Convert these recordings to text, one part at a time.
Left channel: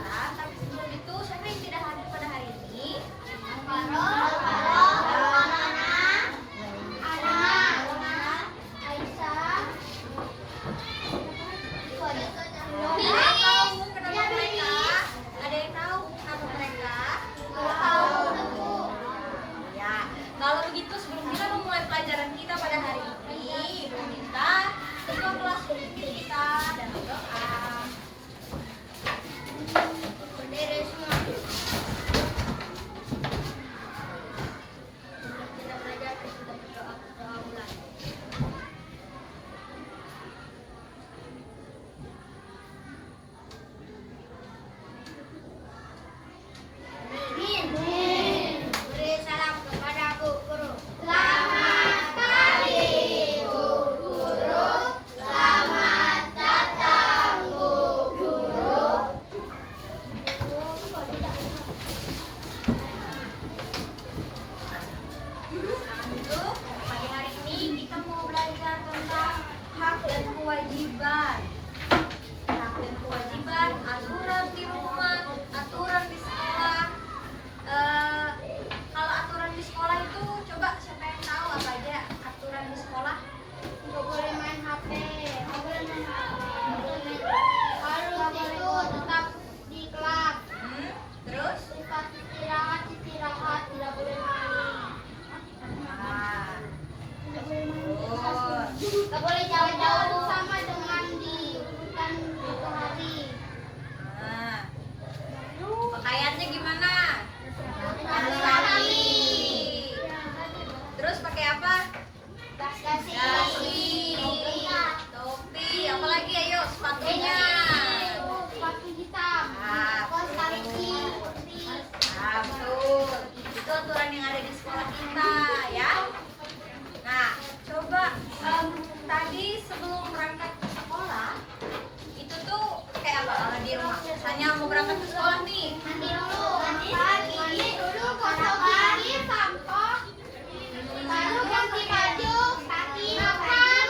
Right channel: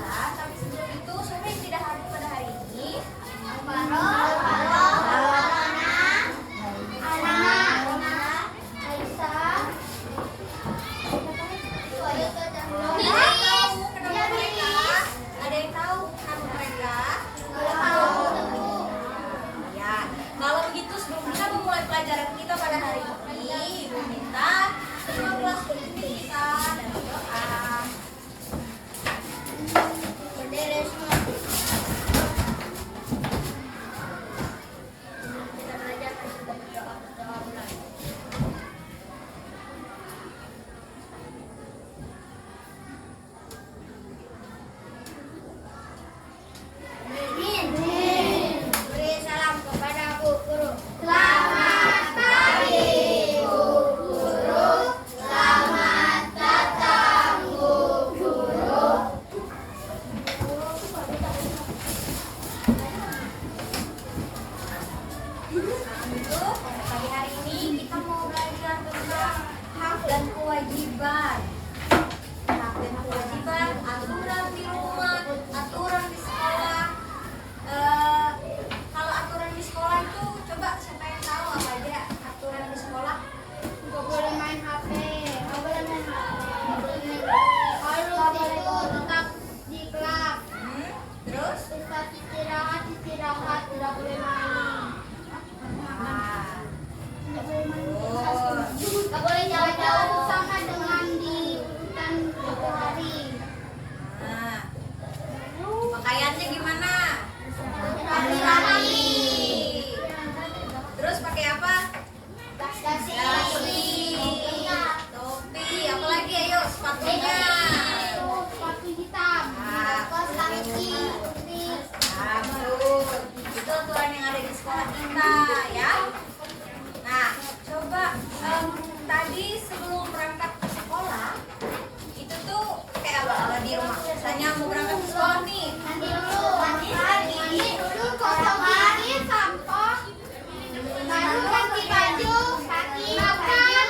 pelajaran. Tapi sebelum itu, siapa yang tidak hadir pada hari ini? Kalau begitu, sebelum kita memulai pelajaran kita pada hari ini, Ibu minta semua kelas bisa dan berdoa. Berdiri semua. Kita belajar, kita berdoa mulai. Beri salam kepada Bu Guru. Selamat pagi Bu Guru. Selamat datang Bu Guru. Untuk pagi hari ini kita mau belajar tentang hak dan kewajiban. Hak dan kewajiban, aturan di rumah, aturan di sekolah. Kalau aturan di sekolah itu, coba siapa yang tahu apa aja aturan di sekolah? Nggak boleh main HP. Nggak boleh main HP. Harus itu tetap di kelas. Terus? Saat istirahat tidak boleh main. Nggak boleh main. Nggak boleh jauh-jauh sama dengan di urutan hari. Pakaiannya gimana? Rapi. Terus pakai apa? Dasi. Topi, apalagi ayo sepatunya. Sepatu hitam. Betul. Itu aturan yang ada di sekolah kita ya. Nah, coba tadi sebelum berangkat ke sekolah itu tuh kayak apa kalau di rumah? Misalnya mau berangkat ke sekolah nih. Mandi dulu. Gosok gigi, sampo. Baru ganti baju, kaki, makan.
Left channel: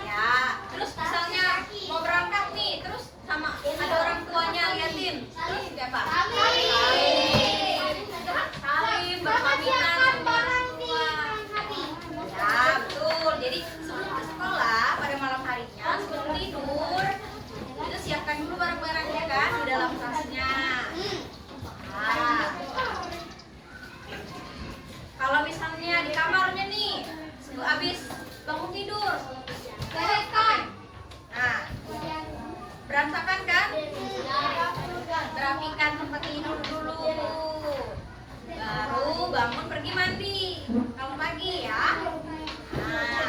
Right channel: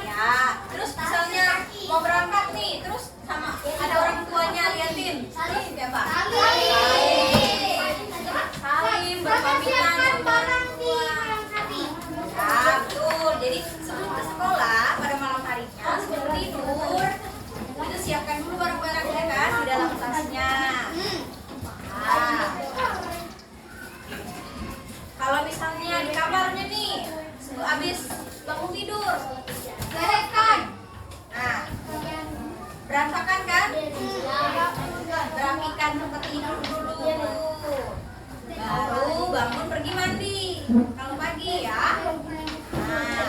Ya, terus misalnya mau berangkat nih, terus sama ada orang tuanya liatin. Terus kayak apa? Salim, berpamitan sama orang tua. Ya, betul. Jadi sebelum ke sekolah pada malam harinya sebelum tidur itu siapkan dulu barang-barangnya kan di dalam tasnya. Nah, kalau misalnya di kamarnya nih habis bangun tidur, bereskan. Nah, berantakan kan? Berapikan tempat tidur dulu. Baru bangun pergi mandi. Kalau pagi ya. Nah.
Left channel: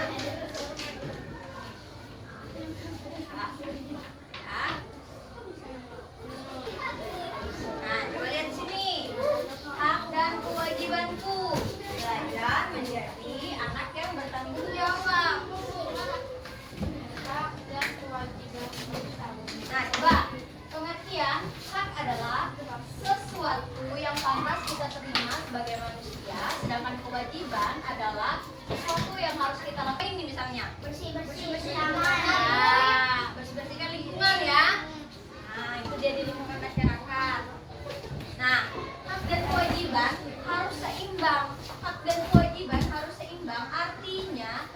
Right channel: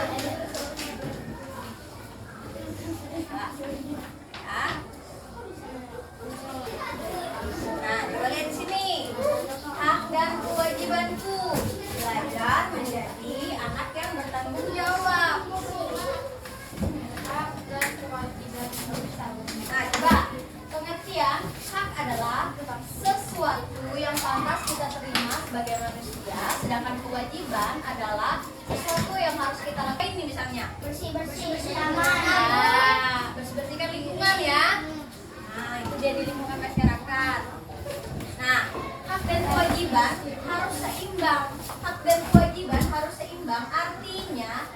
Nah, coba lihat di sini. Hak dan kewajibanku. Belajar menjadi anak yang bertanggung jawab. Nah, coba pengertian hak adalah sesuatu yang pantas kita terima sebagai manusia, sedangkan kewajiban adalah sesuatu yang harus kita lakukan. Ini misalnya Bersih-bersih. bersih-bersihkan lingkungan ya. Nah, itu jadi lingkungan masyarakat. Nah, hak dan kewajiban harus seimbang. Hak dan kewajiban harus seimbang, artinya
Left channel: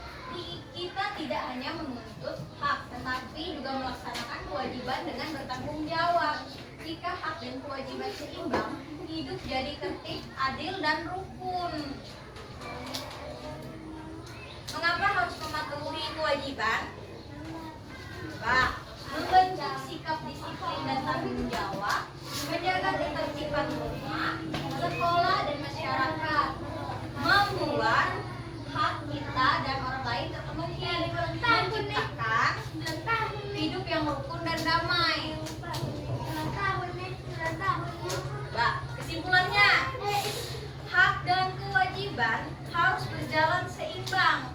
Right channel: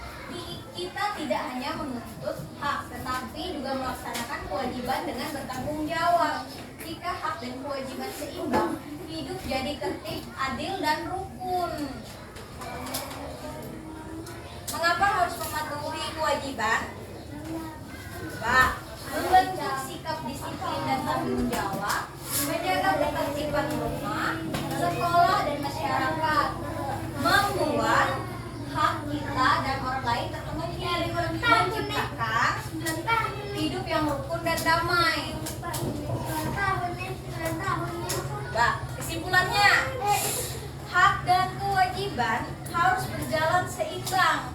kita tidak hanya menuntut hak, tetapi juga melaksanakan kewajiban dengan bertanggung jawab. Jika hak dan kewajiban seimbang, hidup jadi tertib, adil, dan rukun. Mengapa harus mematuhi kewajiban? Coba, membentuk sikap disiplin dan tanggung jawab, menjaga ketertiban rumah, sekolah, dan masyarakat, membuat hak kita dan orang lain terpenuhi, menciptakan hidup yang rukun dan damai. Kesimpulannya, hak dan kewajiban harus berjalan seimbang.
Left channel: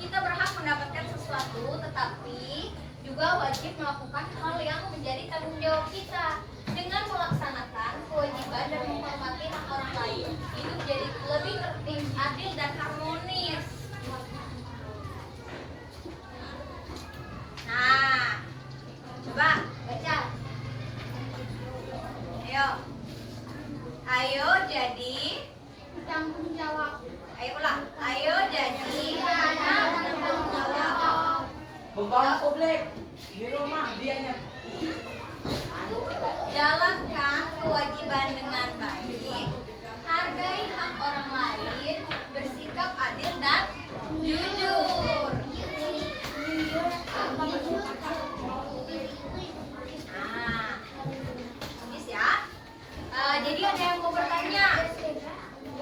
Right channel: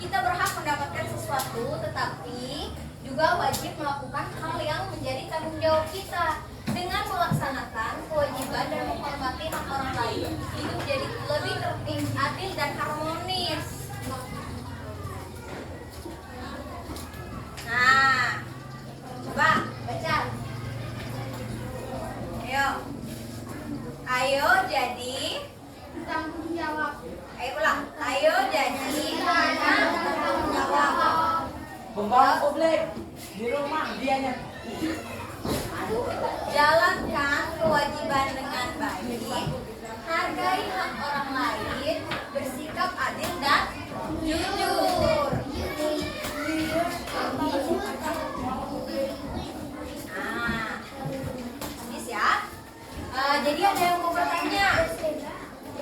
Kita berhak mendapatkan sesuatu, tetapi juga wajib melakukan hal yang menjadi tanggung jawab kita. Dengan melaksanakan kewajiban dan menghormati hak orang lain, hidup jadi lebih tertib, adil, dan harmonis. Nah, coba baca. Ayo jadi Tanggung jawab. Ayo ulang. Ayo jadi anak bertanggung jawab. Pembawa publik di rumah dianya. Jalankan kewajiban dengan baik. Hargai hak orang lain. Bersikap adil dan jujur. Nah, habis ya. Jadi ada yang mau bertanya?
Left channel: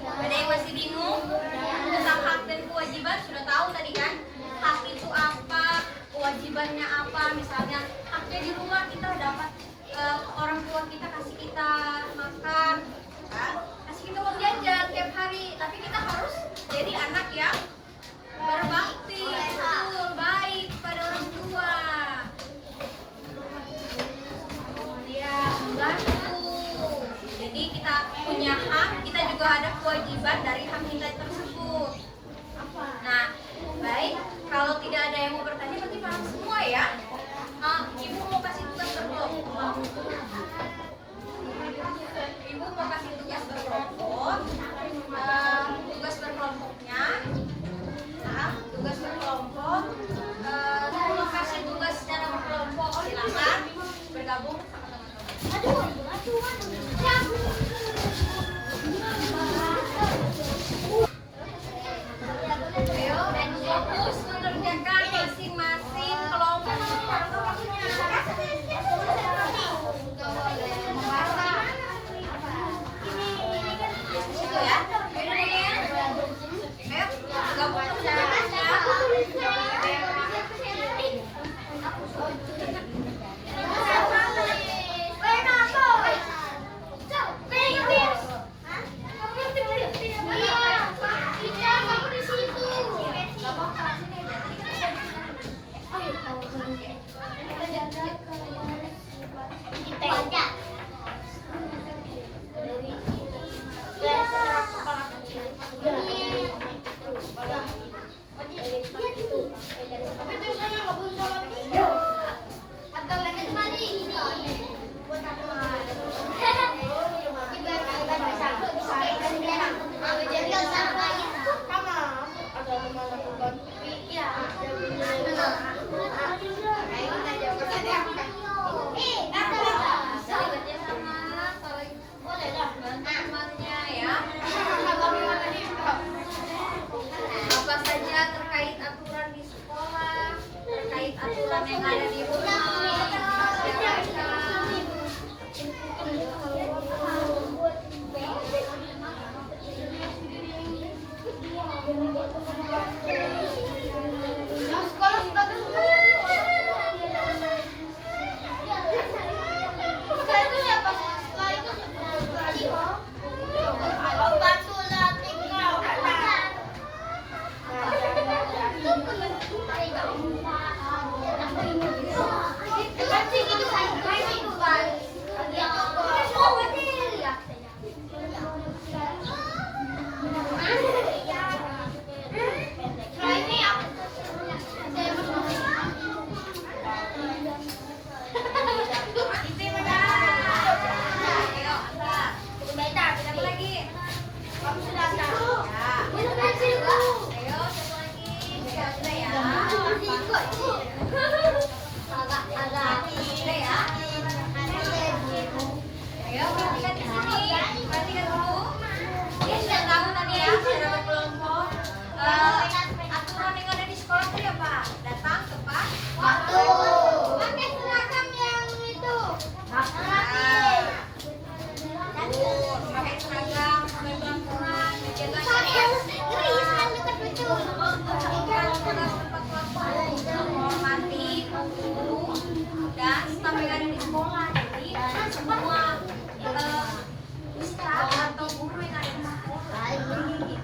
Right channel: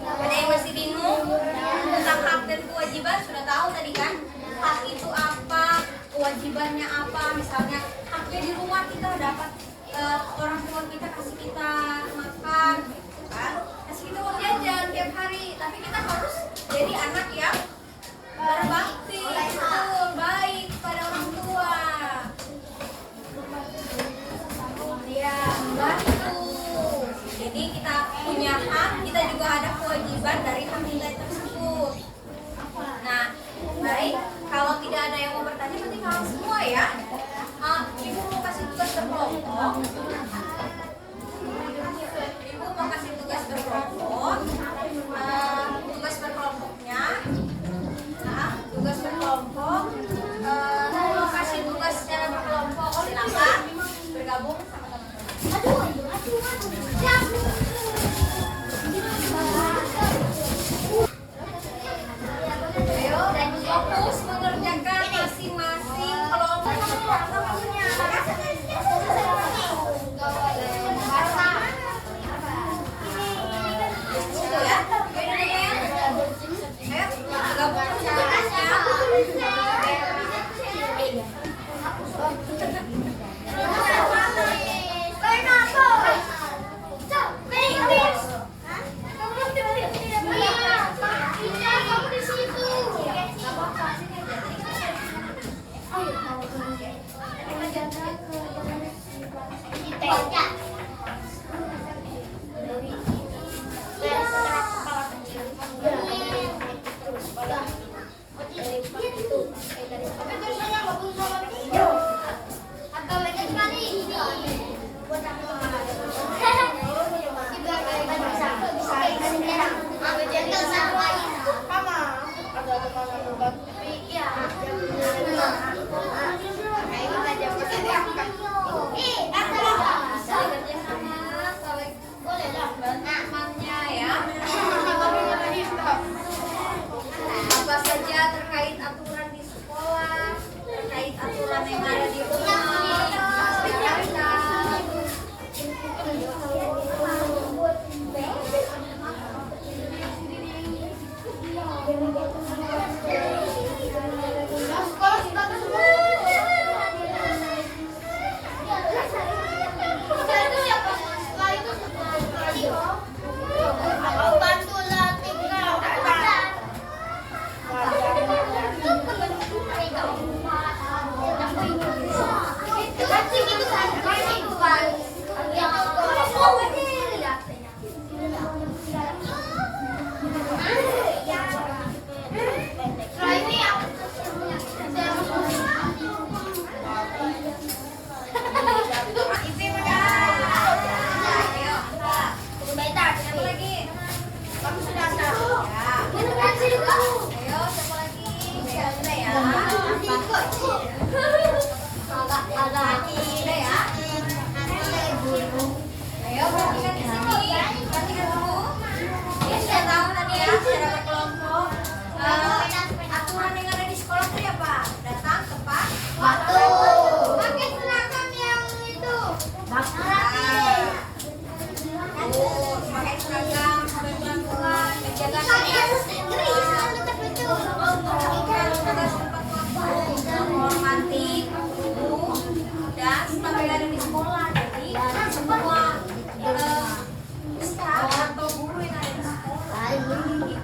Ada yang masih bingung tentang hak dan kewajiban? Sudah tahu tadi kan? Hak itu apa? Kewajibannya apa? Misalnya haknya di rumah kita dapat orang tua kita kasih kita makan, kan? Kasih kita uang jajan tiap hari. Tapi kita harus jadi anak yang berbakti, betul, baik pada orang tua. Ya, betul. Jadi kita punya hak, kita juga ada kewajiban dari hak nilai tersebut. Nah, baik. Kalau tidak ada yang mau bertanya, berarti paham semua ya. Ibu mau kasih tugas berkelompok. Ibu mau kasih tugas berkelompok. Tugas berkelompoknya. Tugas berkelompok. Ibu mau kasih tugas secara berkelompok. Silakan bergabung sama teman-teman. Ayo, dan fokus mengerjakan masing-masing kelompok. Itu ya. Ayo, gabung apa saja terkait aturan di sekolah, terkait aturan yang ada di rumah, masyarakat. Ayo perhatikan di sini, perhatikan dulu. Ya sudah tahu tadi ya, secara berkelompok. Aturan yang ada di sekolah itu ya Pak, datang tepat waktu. Pakai seragam yang itu. Pakai seragam, sampai pelan-pelan, menjaga menghormati guru dan staf yang ada di sekolah. Jadi semua staf atau guru yang ada di sekolah kalian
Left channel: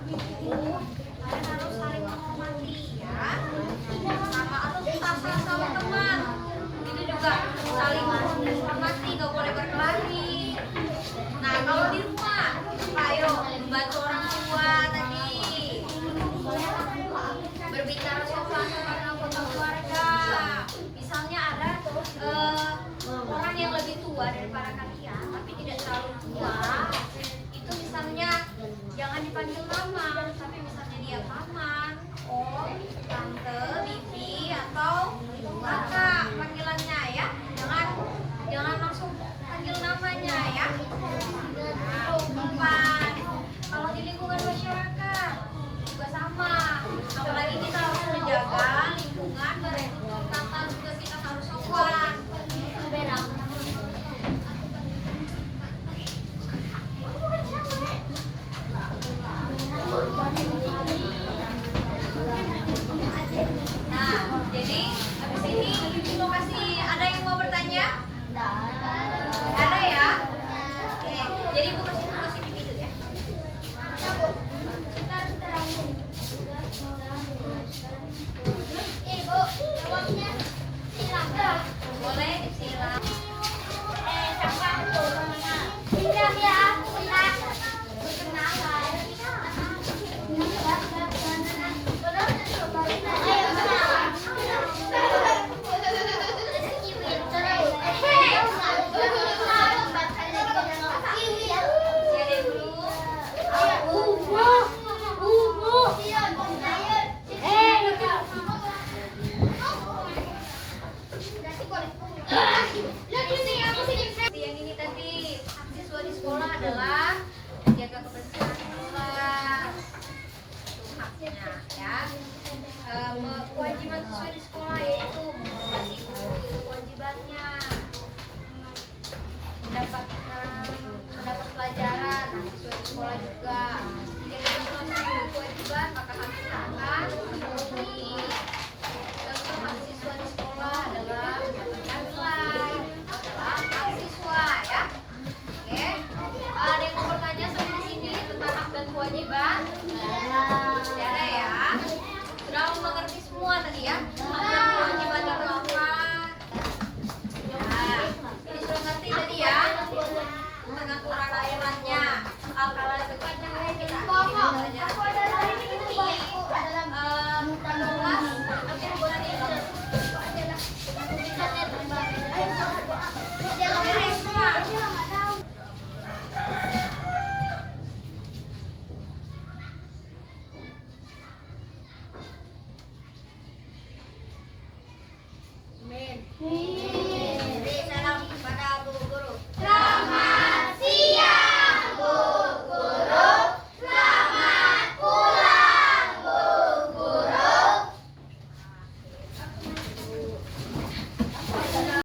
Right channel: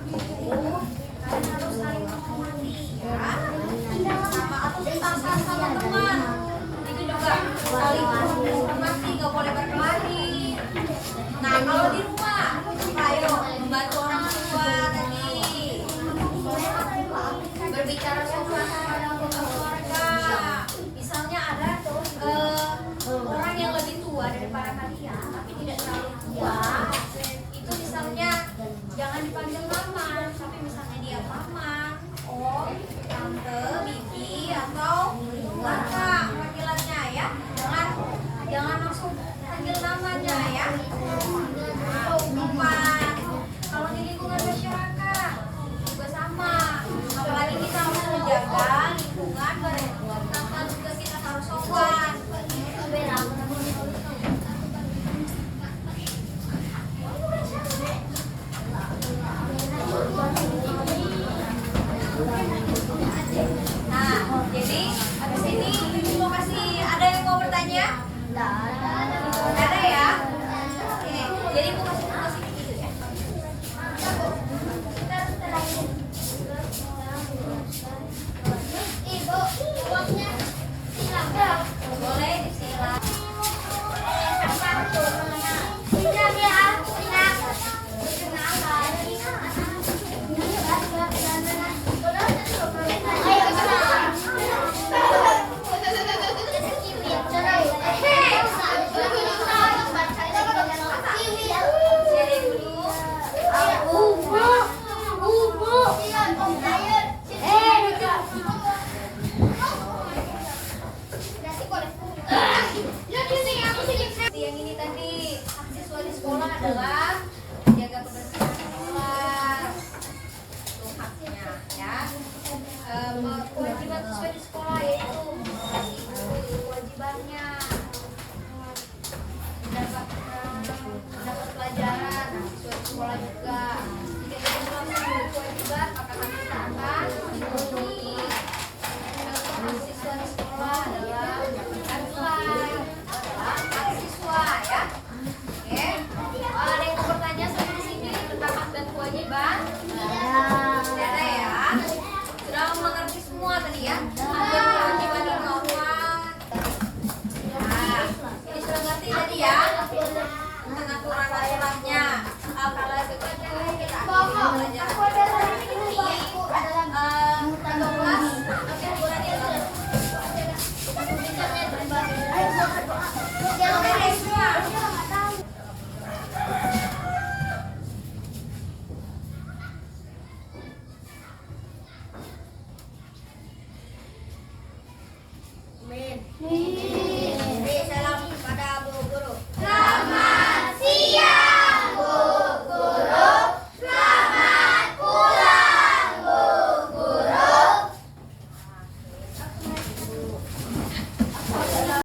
harus saling menghormati ya, sama atau sama teman. Ini juga saling menghormati, gak boleh berkelahi. Nah kalau di rumah, ayo membantu orang tua tadi, berbicara sopan sama anggota keluarga. Misalnya ada orang yang lebih tua daripada kalian, tapi tidak terlalu tua, itu bisa adalah menjaga kebersihan kelas. Itu haknya ya. Kewajiban sesuai di sekolah yaitu mengawasi guru, itu kewajibannya. Dapat pelajaran sesuai di sekolah juga. Jika tidak melakukan kewajiban maka kami akan memenuhi. Contoh mahasiswa di sekolah adalah mendapatkan nilai adalah mahasiswa ya. Oke, ada yang mau bertanya sampai sini tentang hak dan kewajiban? Tidak ada ya. Sudah mengerti semua tadi ya. Hak dan kewajiban itu apa? Nah, ini sudah ngerti tadi ya. Tentang aturan-aturannya. Kalau itu kita akan belajar